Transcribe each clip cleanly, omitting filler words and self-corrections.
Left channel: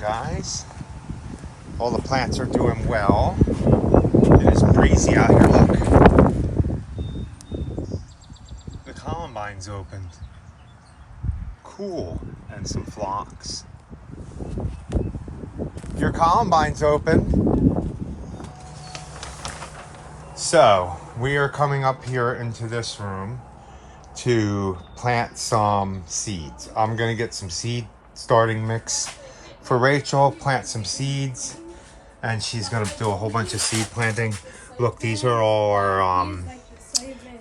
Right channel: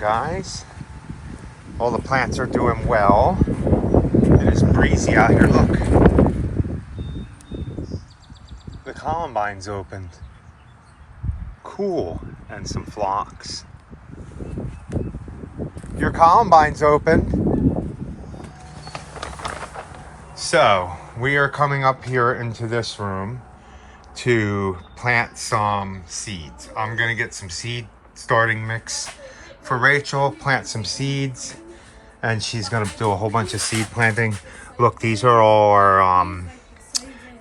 guys. All the plants are doing well. It is breezy out here, look. The columbine's opened. Cool. And some phlox. Your columbine's open. So, we are coming up here into this room to plant some seeds. I'm gonna get some seed starting mix for Rachel, plant some seeds, and she's gonna do a whole bunch of seed planting. Look, these are all our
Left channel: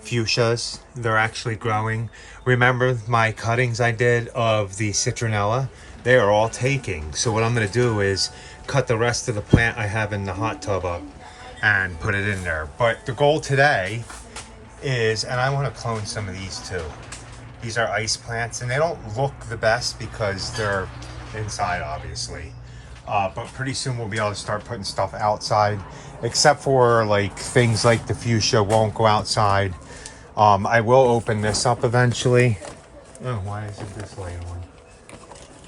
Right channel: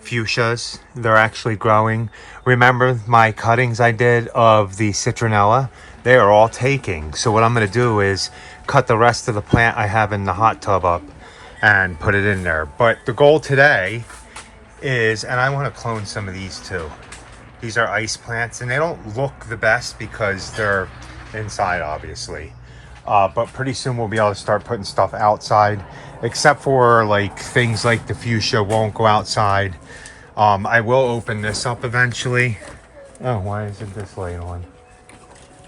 fuchsias. They're actually growing. Remember my cuttings I did of the citronella? They are all taking. So what I'm gonna do is cut the rest of the plant I have in the hot tub up and put it in there. But the goal today is, and I want to clone some of these too. These are ice plants, and they don't look the best because they're inside, obviously. But pretty soon we'll be able to start putting stuff outside, except for like things like the fuchsia won't go outside. I will open this up eventually. Oh, why isn't this light on?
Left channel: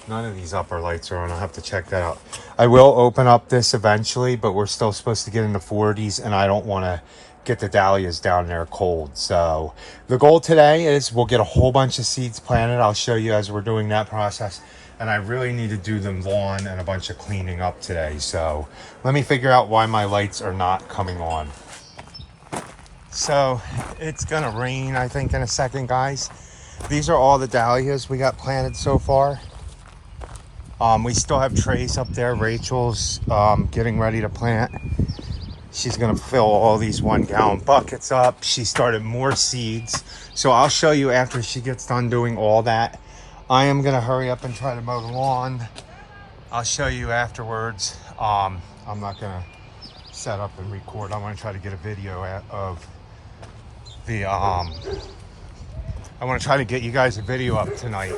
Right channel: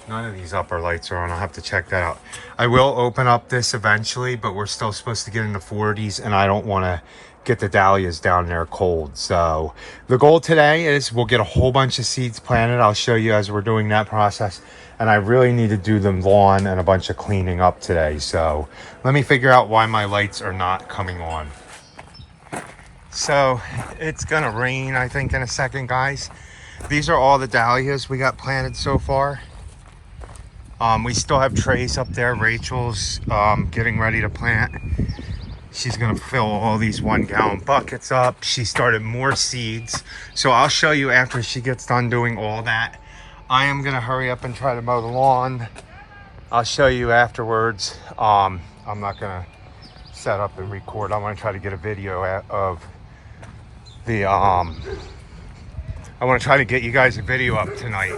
None of these upper lights are on. I'll have to check that out. I will open up this eventually, but we're still supposed to get in the 40s, and I don't want to get the dahlias down there cold. So the goal today is we'll get a whole bunch of seeds planted. I'll show you as we're doing that process. And I really need to do the lawn and a bunch of cleaning up today. So let me figure out why my lights are not coming on. So it's gonna rain, I think, in a second, guys. These are all the dahlias we got planted so far. We still have trays up there. Rachel's getting ready to plant. She's gonna fill all these 1-gallon buckets up. She started more seeds. So I'll show you after she gets done doing all that. I am gonna hurry up and try to mow the lawn. I'll show you afterwards. I'm not gonna set up and record. I wanna try to get a video of the, I wanna try to get you guys a video up tonight.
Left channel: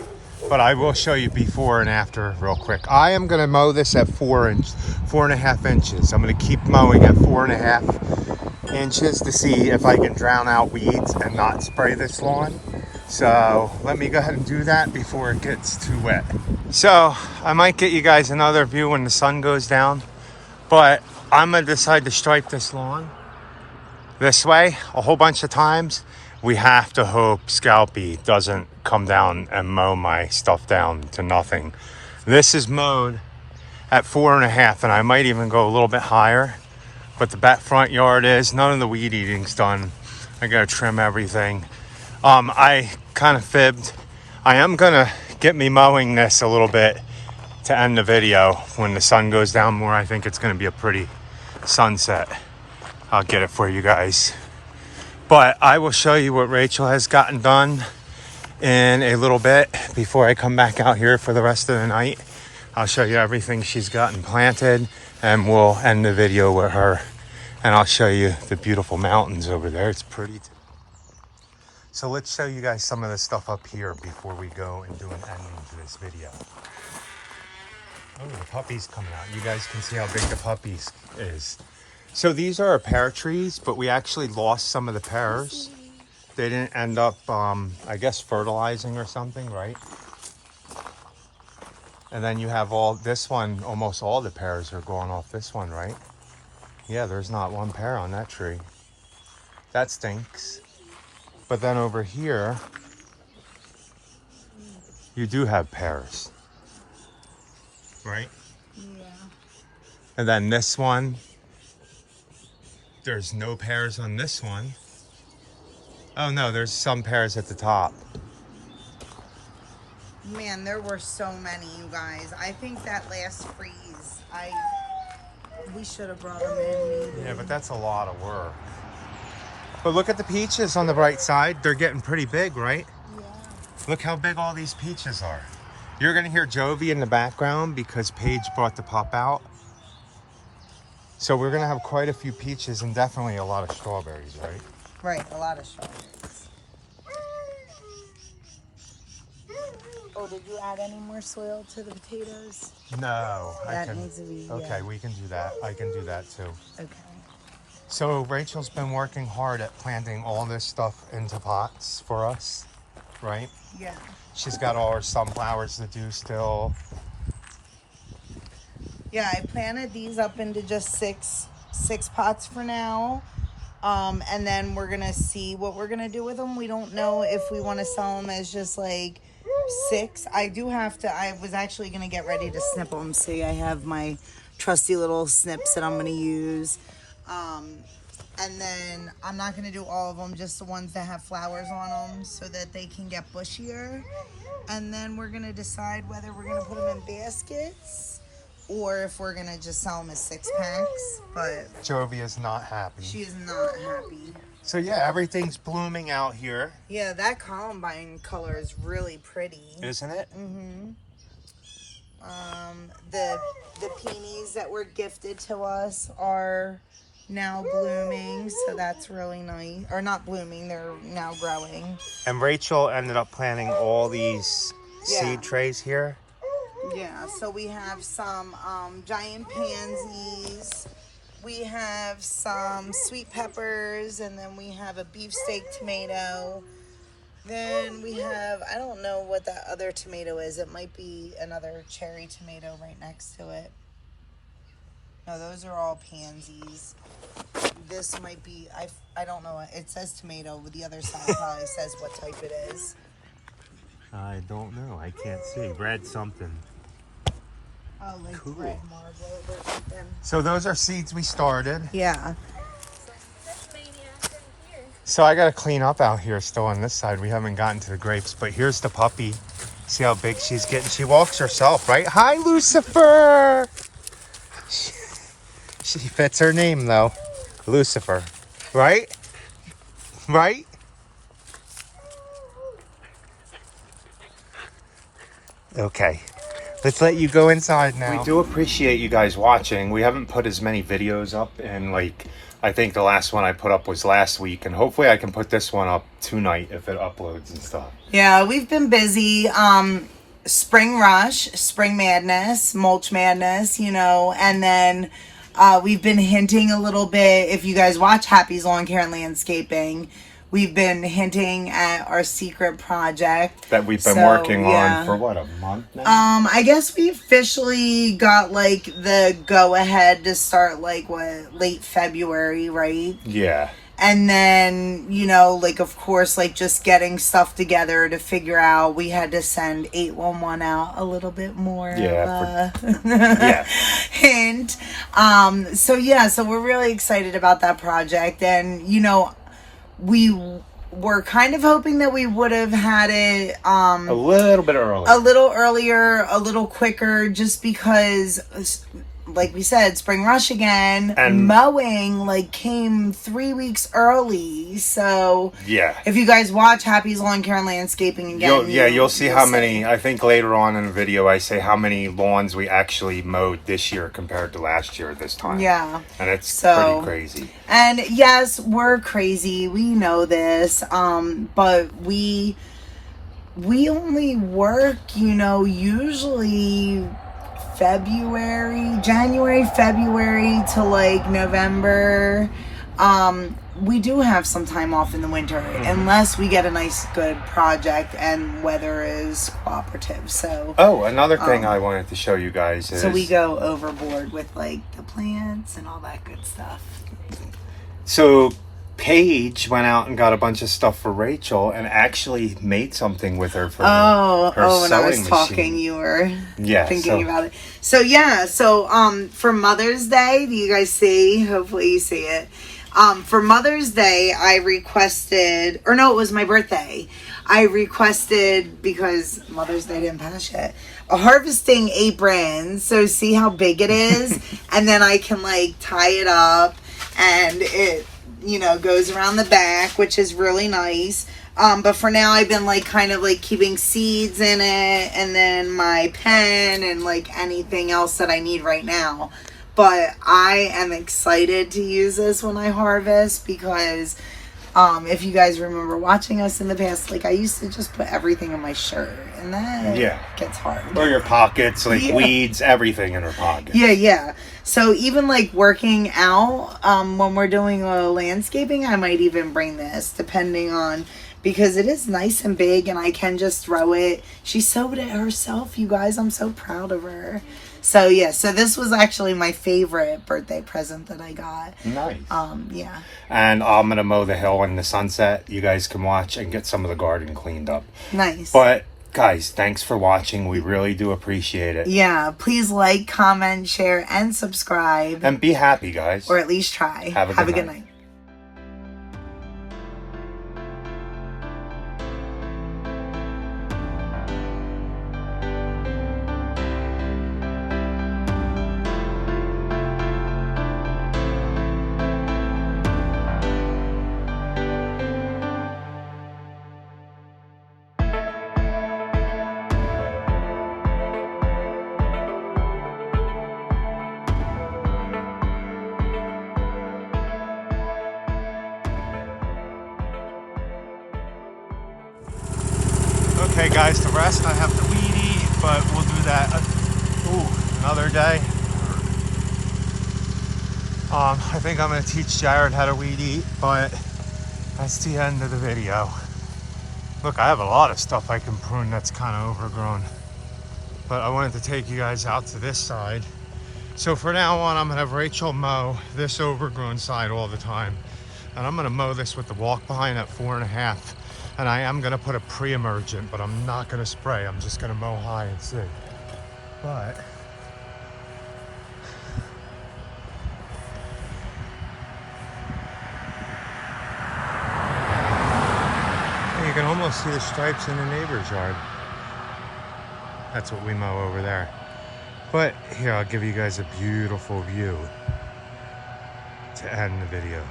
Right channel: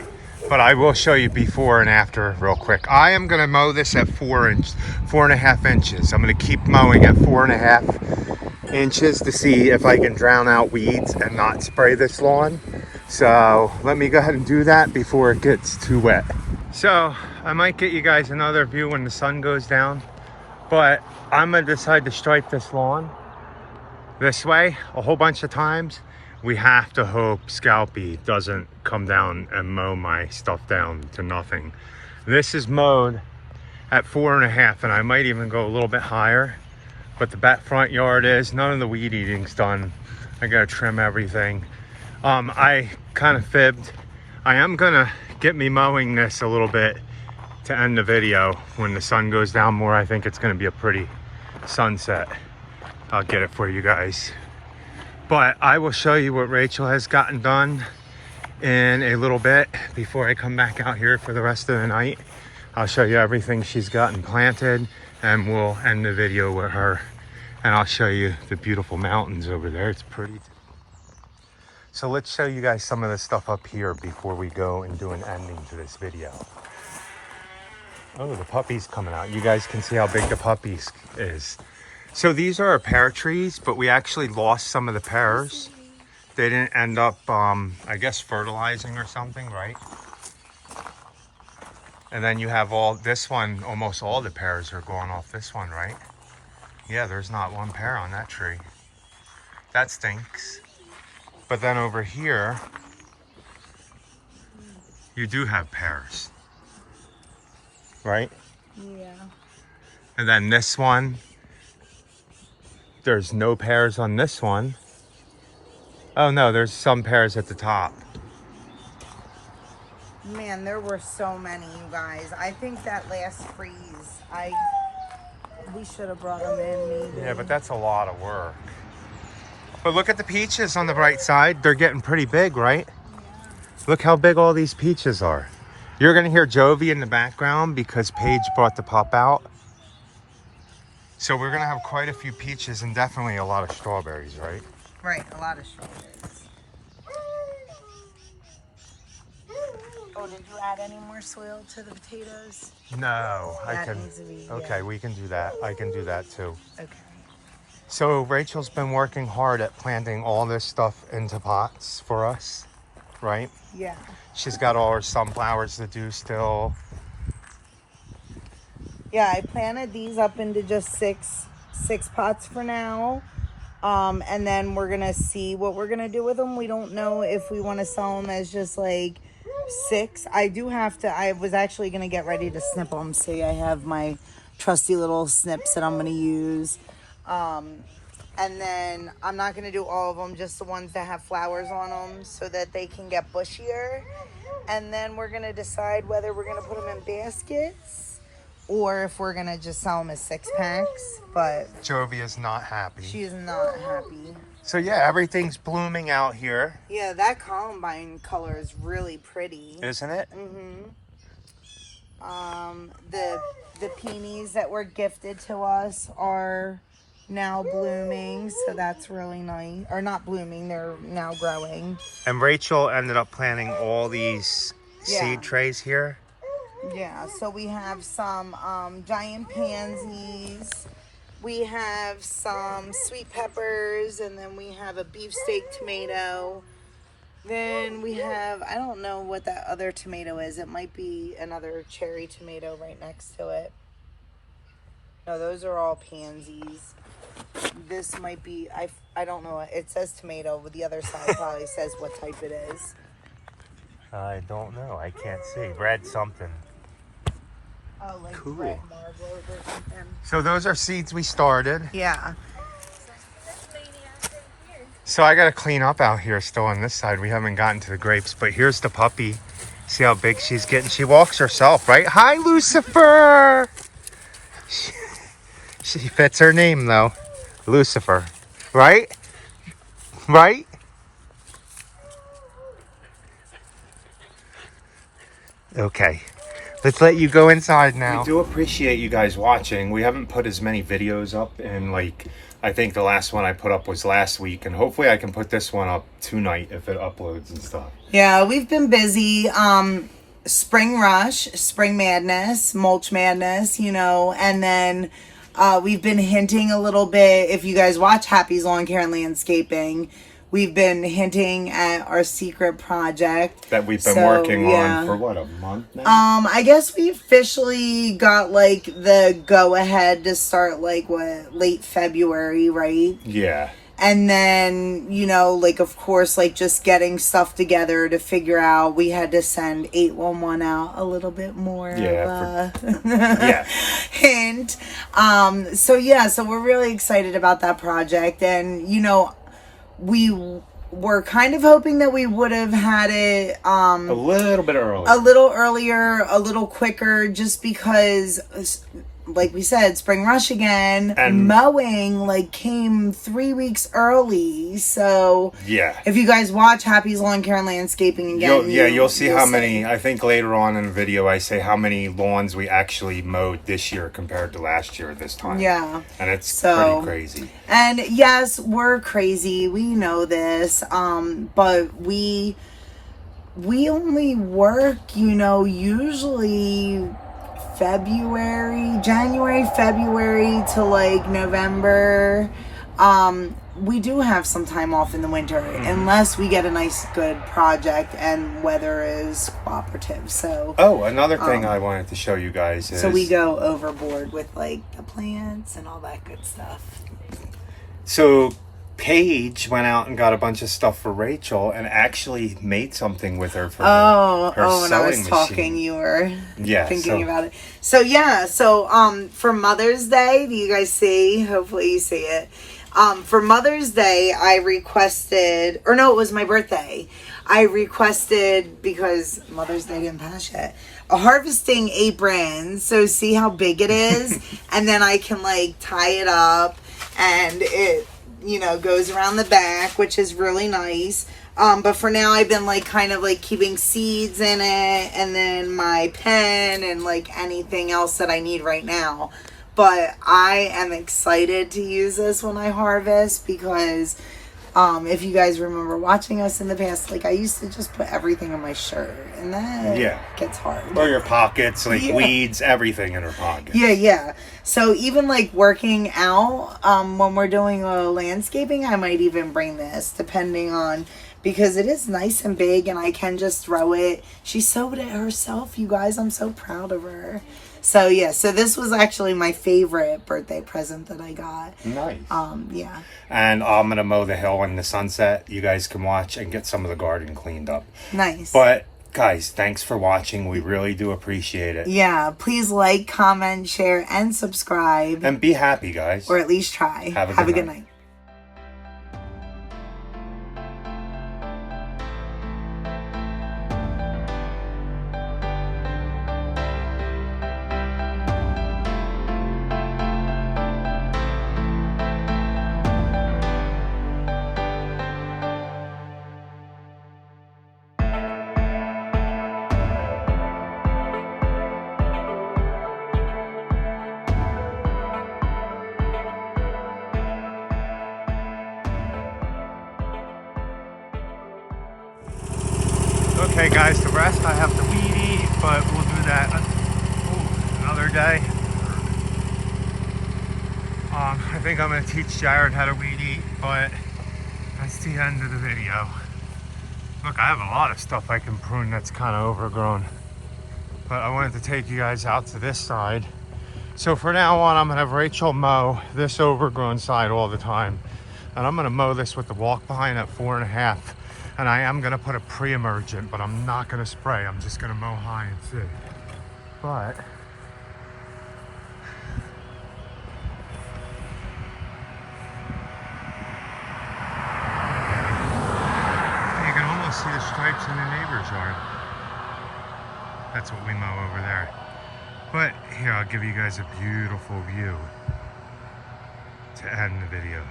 But I will show you before and after real quick. I am gonna mow this at 4.5 inches. I'm gonna keep mowing at 4.5 inches to see if I can drown out weeds and not spray this lawn. So let me go ahead and do that before it gets too wet. So I might get you guys another view when the sun goes down, but I'm gonna decide to stripe this lawn this way a whole bunch of times. We have to hope Scalpy doesn't come down and mow my stuff down to nothing. This is mowed at 4.5, and I might even go a little bit higher. But the back front yard is, none of the weed eating's done. I gotta trim everything. I kind of fibbed. I am gonna get me mowing this a little bit to end the video. When the sun goes down more, I think it's gonna be a pretty sunset. I'll get it for you guys. But I will show you what Rachel has gotten done in a little bit before I come back out here for the rest of the night. I'll show you everything she's gotten planted, and we'll end the video with her. And I'll show you the beautiful mountains over there. It's pretty. So let's show you guys some of the stuff up here before we go and do an ending to this video. Oh, the puppy's coming out. You guys can see how big the puppy is. So these are our pear trees, but we actually lost some of the pears. They didn't end up, I guess, fertilizing or something, right? And then you have all this one, almost all the pears are going off this one, right? Yeah, there's not one pear on that tree. That stinks. But then over here, you do have pears, right? Yeah. And then this one, there's no pears on this one. Oh no, there's some pears at the top. Man, there were so many, you guys. I think that last freeze, we should have brought them in. Maybe. Yeah, but that's a lot of work. But look at the peaches on the bright side. They're getting pretty big, right? Yeah. Look how big all these peaches are. You're gonna hear Jovi in the background because Paige brought the pup out. So we're gonna have quite a few peaches and definitely a lot of strawberries, right? Right, a lot of strawberries. Oh, did you add any more soil to the potatoes? No, I That can. needs to be, Okay, yeah. we can do that. I can do that too. Okay. So Rachel's been working hard at planting all this stuff into pots for us, right? Yeah. She's got all her sunflowers to do still. Yeah, I planted these up into just six pots for now. And then we're gonna see what we're gonna do with them. We don't know if we want to sell them as just like 6. I do have to. I was actually gonna get ready to snip them. See, I have my trusty little snips that I'm gonna use. And then I'm not gonna do all of them, just the ones that have flowers on them, so that they can get bushier. And then we're gonna decide whether we're gonna put them in baskets or if we're gonna just sell them as 6-packs. But Jovi is not happy. she is not happy. So yeah, everything's blooming out here. Yeah, that columbine color is really pretty. Isn't it? Mm-hmm. The peonies that were gifted to us are now blooming, so that's really nice. Or not blooming, they're now growing. And Rachel ended up planting all these Yeah. seed trays here. Yeah, so we have some giant pansies. We have some sweet peppers, and then we have a beefsteak tomato. Then we have, I don't know what that other tomato is. It might be another cherry tomato right next to it. No, those are all pansies. This might be, I don't know. It says tomato, but the other side probably says what type it is. I don't know. I can't see. Red something. Oh, like Cool. red marble or something. So those are seeds we started. Yeah. So I got to clean up out here still on this side. We haven't gotten to the grapes, but here's the puppy. See how big she's getting? She walks herself, right? Hi, Lucifer! She fits her name, though. Lucifer. Right? Right? Okay. Let's let you go inside now. We do appreciate you guys watching. We haven't put as many videos up, and like, I think the last one I put up was last week, and hopefully I can put this one up tonight if it uploads and stuff. Yeah, we've been busy. Spring rush, spring madness, mulch madness, you know, and then we've been hinting a little bit. If you guys watch Happy's Lawn Care and Landscaping, we've been hinting at our secret project That we've been working on for what, a month now? I guess we officially got like the go ahead to start like late February, right? Yeah. And then, you know, like, of course, like, just getting stuff together to figure out, we had to send 811 out a little bit more. Yeah. Yeah. Hint. So, yeah, so we're really excited about that project. And, you know, we were kind of hoping that we would have had it a little bit earlier. A little earlier, a little quicker, just because, like we said, spring rush again, and mowing like came 3 weeks early. So yeah, if you guys watch Happy's Lawn Care and Landscaping again, you'll see how many. I think later on in the video I say how many lawns we actually mowed this year compared to last year this time. Yeah, and it's pretty crazy. And yes, we're crazy. We know this. But we only work, you know, usually January, February to like November. We do have some time off in the winter, unless we get a nice good project and weather is cooperative. So another thing I wanted to show you guys is, so we go overboard with like the plants and all that good stuff. So Paige went out and got a bunch of stuff for Rachel and actually made something with her for her when I was sewing talking, machine. you were thinking so about it. So yeah, for Mother's Day, do you guys see? Hopefully you see it. For Mother's Day, I requested, or no, it was my birthday. I requested, because Mother's Day didn't pass yet, a harvesting apron. So see how big it is, and then I can like tie it up, and it, you know, goes around the back, which is really nice. But for now, I've been like kind of like keeping seeds in it, and then my pen and like anything else that I need right now. But I am excited to use this when I harvest, because if you guys remember watching us in the past, like I used to just put everything in my shirt, and that gets hard. Or your pockets, like weeds, everything in her pocket. Yeah. So even like working out, when we're doing a landscaping, I might even bring this, depending on, because it is nice and big and I can just throw it. She sewed it herself, you guys. I'm so proud of her. So yeah, so this was actually my favorite birthday present that I got. Nice. Yeah. And I'm gonna mow the hill in the sunset. You guys can watch and get some of the garden cleaned up. Nice. But guys, thanks for watching. We really do appreciate it. Yeah, please like, comment, share, and subscribe. And be happy, guys. Or at least try. Have a good night. Okay guys, the rest I have to weed eat, but we'll do that another day. I think I'm gonna teach Jared how to weed eat, but that's the end of the video. Look, I have a lot of stuff I can prune that's kind of overgrown, but I wanted to take you guys out to this side. So for now on, I'm gonna have Rachel mow this overgrown side all the time, and I'm gonna mow this with the walk behind at 4.5. And I am gonna put a pre-emergent, but I'm not gonna spray. I'm just gonna mow high and see. But you can almost see the stripes in the neighbor's yard. That's what we mow over there. But here, I'll give you guys a beautiful view to end the video.